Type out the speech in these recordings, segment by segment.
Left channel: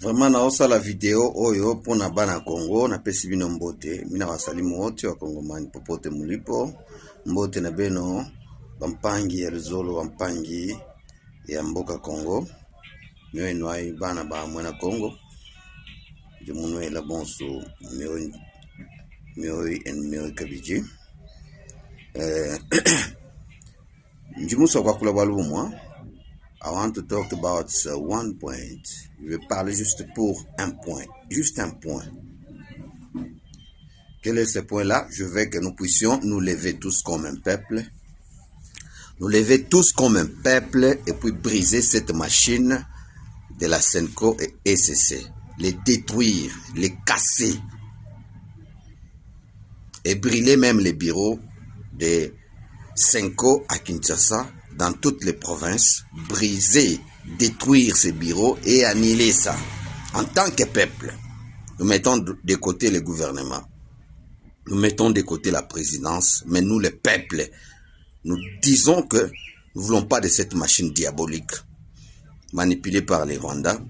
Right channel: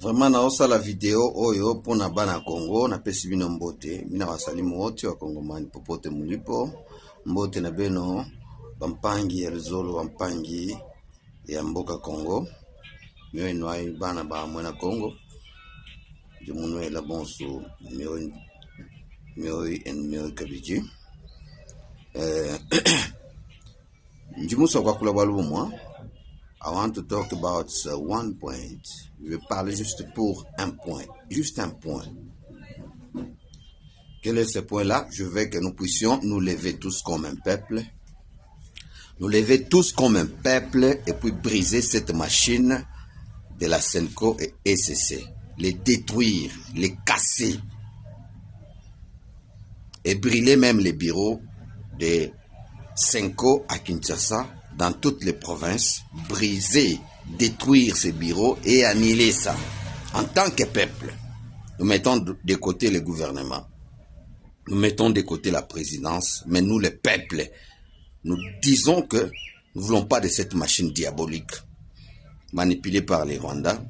Vraiment naosa la vidéo oyo pona bana Congo na pesi bino mbote mina basalimu wote wa Kongomani popote mulipo mbote na beno bampangi ya luzolo bampangi ya mboka Congo nyo ai bana ba mwana Congo je munwe la bonso mio kabiji njimuso kwa kula balumwa. I want to talk about one point. Je vais parler juste pour un point. Juste un point. Quel est ce point-là? Je veux que nous puissions nous lever tous comme un peuple. Nous lever tous comme un peuple et puis briser cette machine de la Senko et SCC. Les détruire, les casser. Et brûler même les bureaux de Senko à Kinshasa. Dans toutes les provinces, briser, détruire ces bureaux et annihiler ça. En tant que peuple, nous mettons de côté le gouvernement, nous mettons de côté la présidence, mais nous, le peuple, nous disons que nous ne voulons pas de cette machine diabolique manipulée par les Rwandais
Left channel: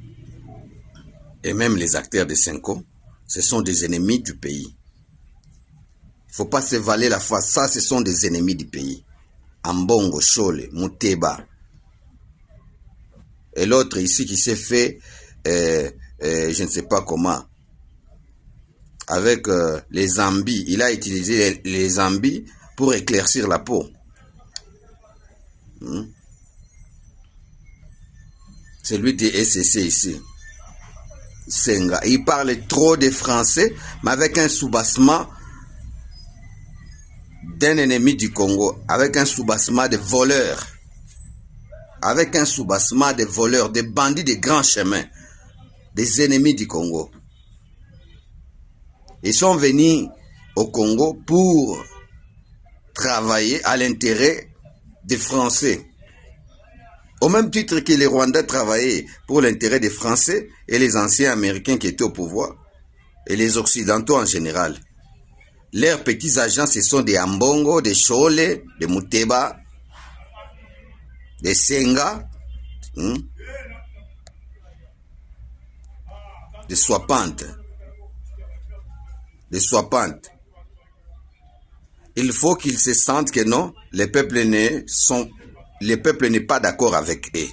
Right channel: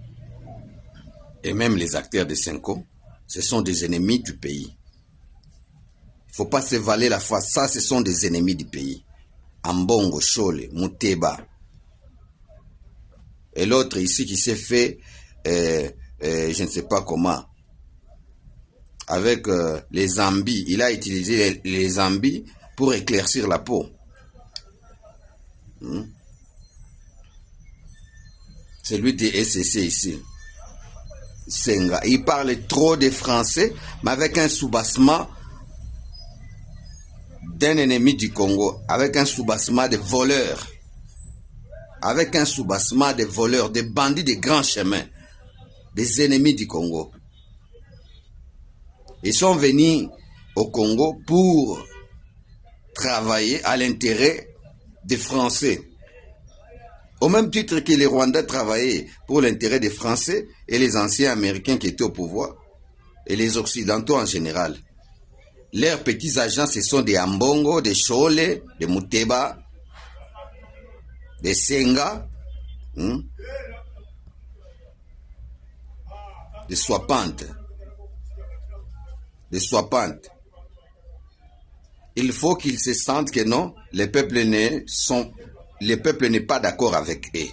et même les acteurs de Senko. Ce sont des ennemis du pays. Il ne faut pas se valer la foi. Ça, ce sont des ennemis du pays. Ambongo, Chole, Muteba. Et l'autre ici qui s'est fait, je ne sais pas comment, avec les zambis. Il a utilisé les zambis pour éclaircir la peau. C'est lui de SCC ici. Senga. Il parle trop de français, mais avec un soubassement d'un ennemi du Congo, avec un soubassement de voleurs, avec un soubassement de voleurs, des bandits de grands chemins, des ennemis du Congo. Ils sont venus au Congo pour travailler à l'intérêt des Français. Au même titre que les Rwandais travaillaient pour l'intérêt des Français et les anciens Américains qui étaient au pouvoir, et les Occidentaux en général. Leurs petits agents, ce sont des Ambongo, des Chole, des Muteba, des Senga, des Swapantes. Des Swapantes. Il faut qu'ils se sentent que non, le peuple n'est pas d'accord avec eux.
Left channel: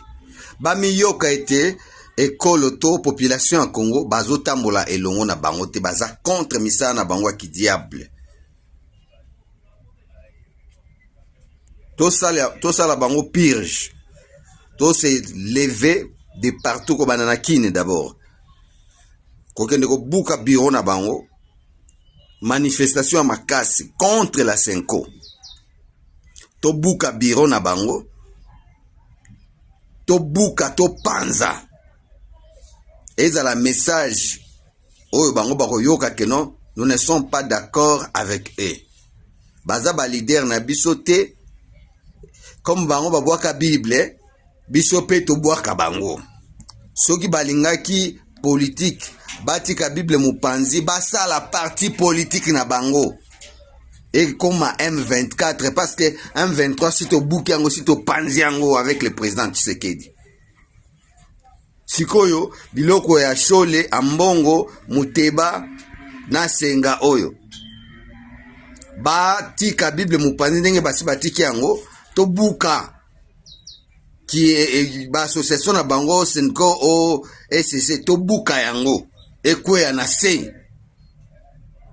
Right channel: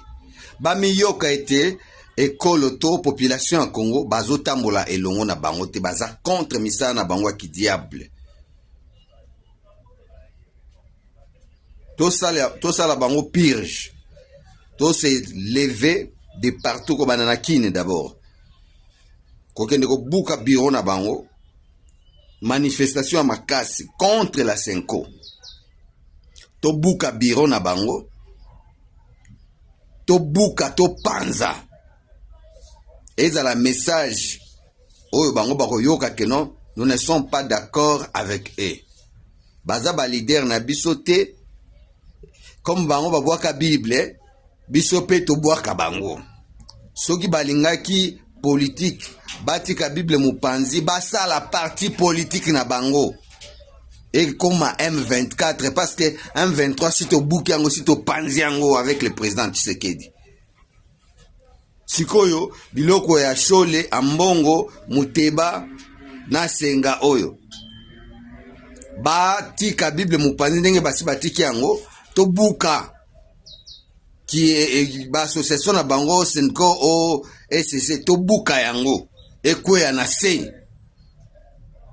Bamiyoka été ekoloto population en Congo bazo tambola elongo na bango te baza contre misala na bango ki diable. Tout ça la bango purge. Tout se lever de partout ko banana kine d'abord. Kokende ko buka bureau na bango. Manifestation à makasi contre la Senko. To buka bureau na bango. To buka to panza. Et dans la message, oh, bango bako yoka que non, nous ne sommes pas d'accord avec eux. Baza ba leader na bisote, comme bango ba boaka Bible, bisope to boaka bango. Soki balingaki politique, batika Bible mupanzi, basa la partie politique na bango. Et comme à M24, parce que M23 si to bouki yango, si to panzi yango avec le président Tshisekedi. Sikoyo, biloko ya Chole, Ambongo, Muteba, na Senga oyo. Ba tika Bible mupanzi ndenge basi batiki yango, to buka. Ki ba association na bango Senko o SCC, to buka yango. Ekwe ya na se.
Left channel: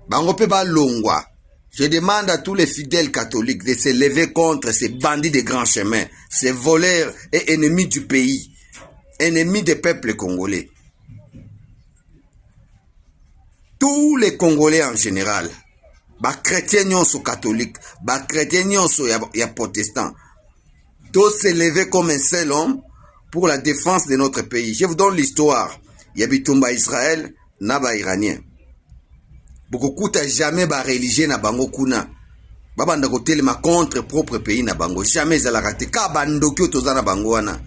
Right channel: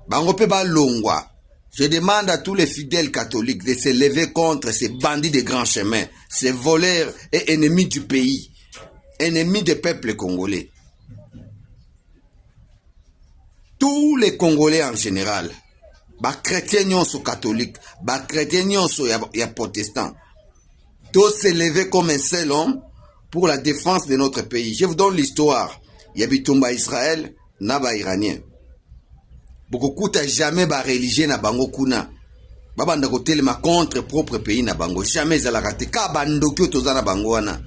Bango pe ba longwa. Je demande à tous les fidèles catholiques de se lever contre ces bandits de grands chemins, ces voleurs et ennemis du pays. Ennemis des peuples congolais. Tous les Congolais en général, les chrétiens sont catholiques, les chrétiens sont protestants, tous se lever comme un seul homme pour la défense de notre pays. Je vous donne l'histoire. Il y a Bitumba Israël, Naba Iranien. Beaucoup n'a jamais ba religieux na bango kuna. Baba ndako telema contre propre pays na bango. Jamais ça la raté. Ka bandokyo toza na bango wana.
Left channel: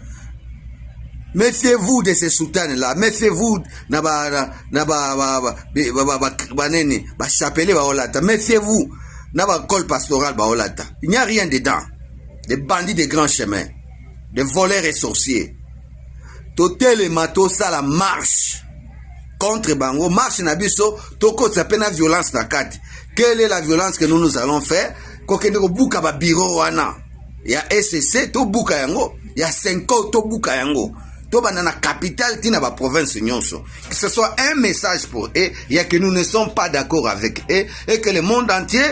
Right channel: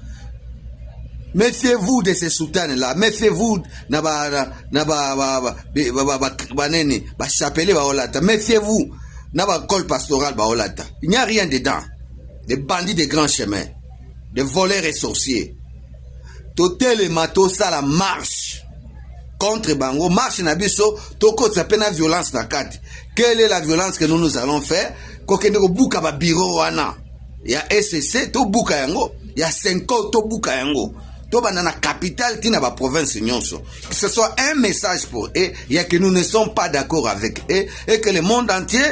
Méfiez-vous de ces soutanes-là. Méfiez-vous Méfiez-vous na col pastoral baolata. Il n'y a rien dedans. Des bandits de grands chemins. Des voleurs et sorciers. Totel et Matosa la marche. contre bango, marche na biso, toko s'appelle la violence na kati. Quelle est la violence que nous allons faire? Kokende ko buka ba bureau wana. Ya SCC to buka yango, ya Senko to buka yango. To banana capitale tina ba province nyonso. Que ce soit un message pour eux, il y a que nous ne sommes pas d'accord avec eux et que le monde entier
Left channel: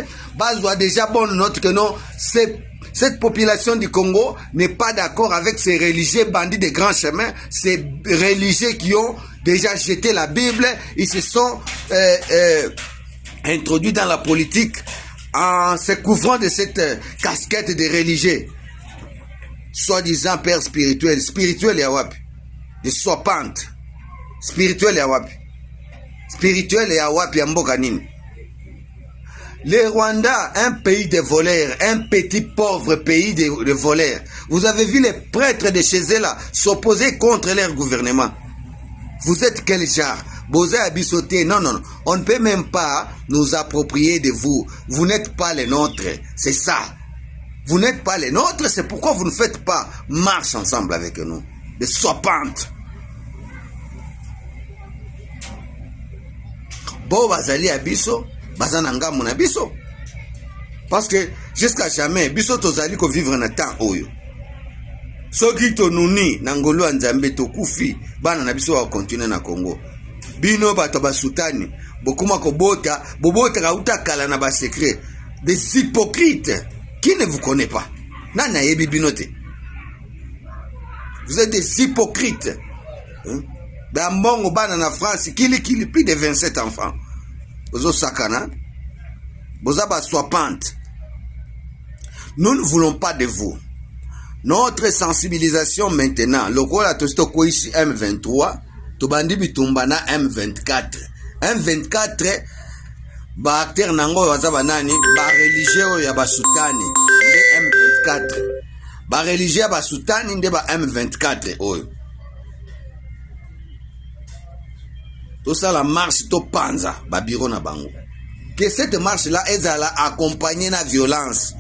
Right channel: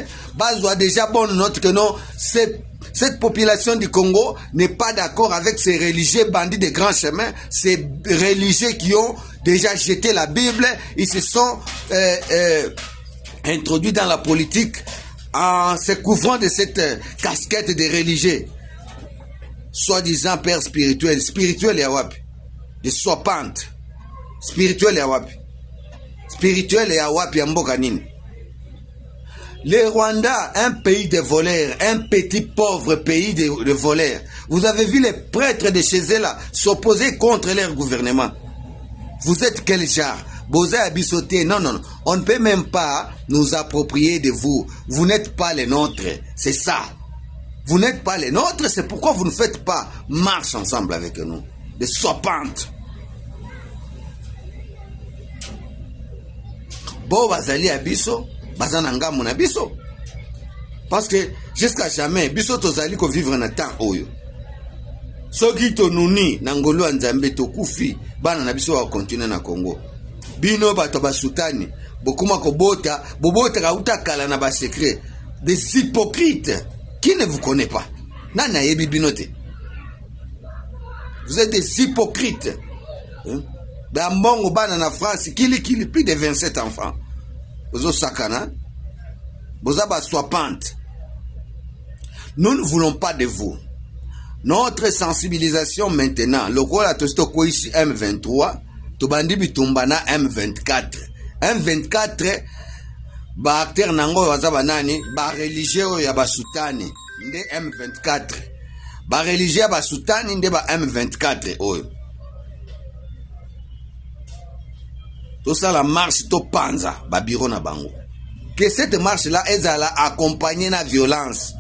doit déjà bonne note que non, cette population du Congo n'est pas d'accord avec ces religieux bandits de grands chemins, ces religieux qui ont déjà jeté la Bible, ils se sont introduits dans la politique en se couvrant de cette casquette de religieux. Soi-disant père spirituel, spirituel et wapi, de sopante, spirituel et wapi, spirituel et wapi ya mboka nini. Le Rwanda, un pays de voleurs, un petit pauvre pays de voleurs. Vous avez vu les prêtres de chez eux là s'opposer contre leur gouvernement. Vous êtes quel genre? Bosé à bissoter. Non, non, on ne peut même pas nous approprier de vous. Vous n'êtes pas les nôtres. C'est ça. Vous n'êtes pas les nôtres, c'est pourquoi vous ne faites pas marche ensemble avec nous. De sopantes. Bon, bazali à bisso. Bazananga mon abisso. Parce que jusqu'à jamais, bisso tozali ko vivre na temps oyo. Soki to nuni nangolo nzambe to kufi, bana na bisso wa continuer na Congo. Bino bato basutani, bokuma ko bota, bobota ka utakala na ba secret. Des hypocrites qui ne vous connaît pas. Nana yebi binote. Vous êtes des hypocrites. Bambongo bana na France, kili plus de 27 enfants. Bozo sakana, bozaba soipante. Nous ne voulons pas de vous. Notre sensibilisation maintenant, le rôle à Tostoko ici M23, Tobandi Bitumbana M24. M24, ba acteur nango wazaba nani, ba religieux ya basutani, nde M24. Ba religieux ya basutani nde ba M24 oyo. Tout ça, la marche, to panza, babiro na bango. Que cette marche-là, elle a accompagné la violence.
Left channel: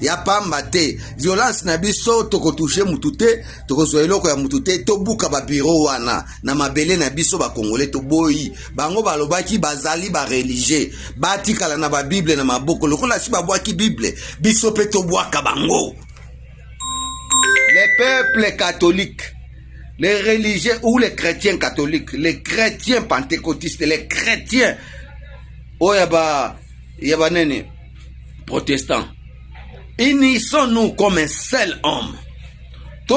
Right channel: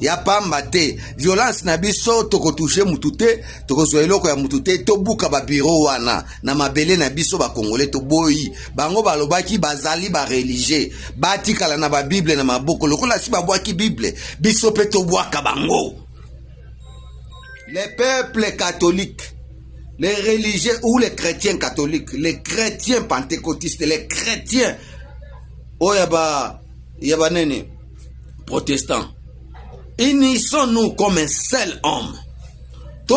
Ya pas mate. Violence na biso, toko touche mutute, toko soyelo ko ya mutute, to buka babiro wana. Na mabele na biso ba Congolais to boyi. Bango balobaki bazali ba religieux. Batikala na ba Bible na maboko. Lokola si ba boaki Bible, biso pe to boaka bango. Les peuples catholiques, les religieux ou les chrétiens catholiques, les chrétiens pentecôtistes, les chrétiens yaba nene protestants, unissons-nous comme un seul homme. Tous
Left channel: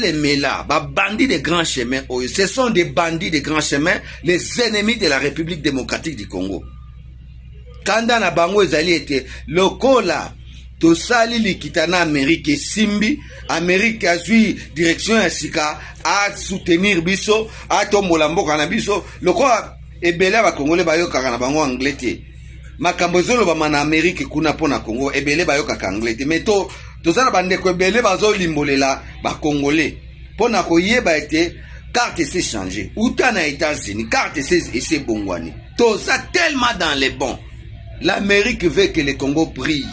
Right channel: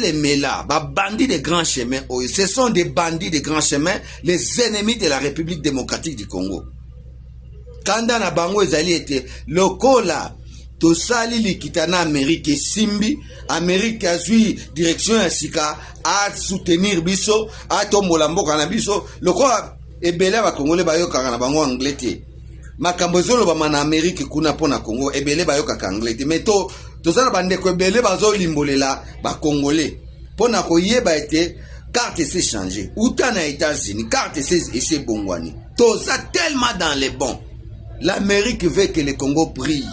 les mélas, bandits de grands chemins, ce sont des bandits de grands chemins, les ennemis de la République démocratique du Congo. Kanda na bango ezali ete lokola tosali likitana Amérique simbi, Amérique azui direction ya sika à soutenir biso, à tombola mboka na biso, lokola ebele ba Congolais bayoka na bango anglais te. Makambo zolo ba mana Amérique kuna pona Congo ebele bayoka ka anglais te. Mais tozala bandeko ebele bazo limbolela ba Congolais. Pona ko yeba ete carte s'est changée. Outa na États-Unis, carte s'est bongwani. Toza tellement dans les bons. L'Amérique veut que le Congo brille.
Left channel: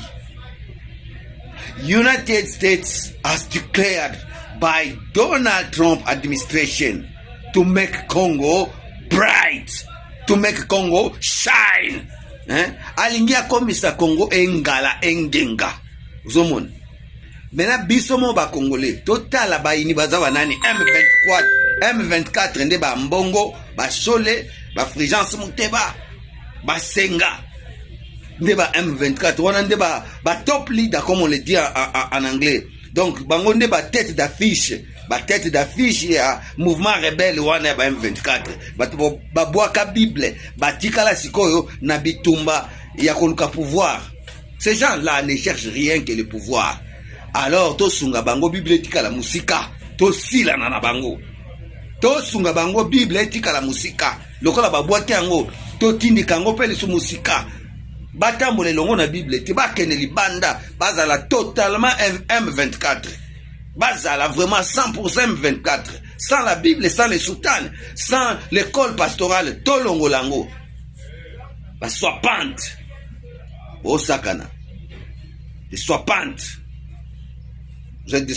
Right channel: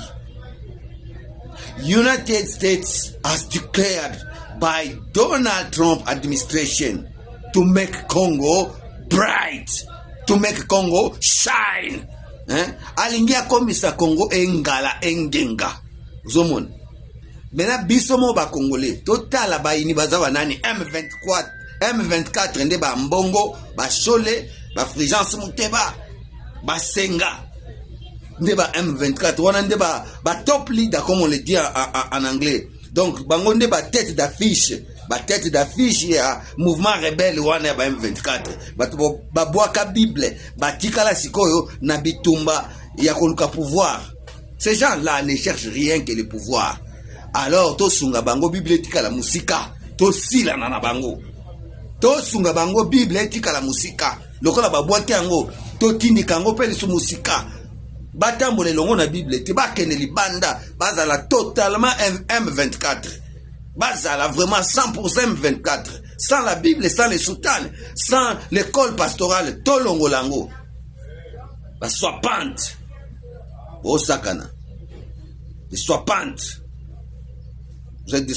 United States has declared by Donald Trump administration to make Congo bright, to make Congo shine. Alingia komisa Congo engala engenga. Zomon. Mena bisomo ba Congolais. Total ba ini bazawa nani M24 nde ba mbongo, ba Chole, ba Fulgence Muteba, ba Senga. Ndeba M24, wana ndeba ba top leader comme on le dit en anglais. Donc bango ndeba tête d'affiche ya mouvement rebelle wana ba M24. Ba boaka Bible, ba tikala sikoyo na bitumba ya koluka pouvoir. Ces gens-là ne cherchent rien que le pouvoir. Alors to sunga bango Bible tikala musika, to sila na bango. To sunga bango Bible tikala musika. Lokola ba boaka yango, to tindika yango pele su musika. Batambole longo na Bible ti bakene libanda bazala totalement M24, bazala vraiment 100% M24, sans la Bible, sans les soutanes, sans l'école pastorale, to longo lango ba soipante o sakana de soipante, vous êtes des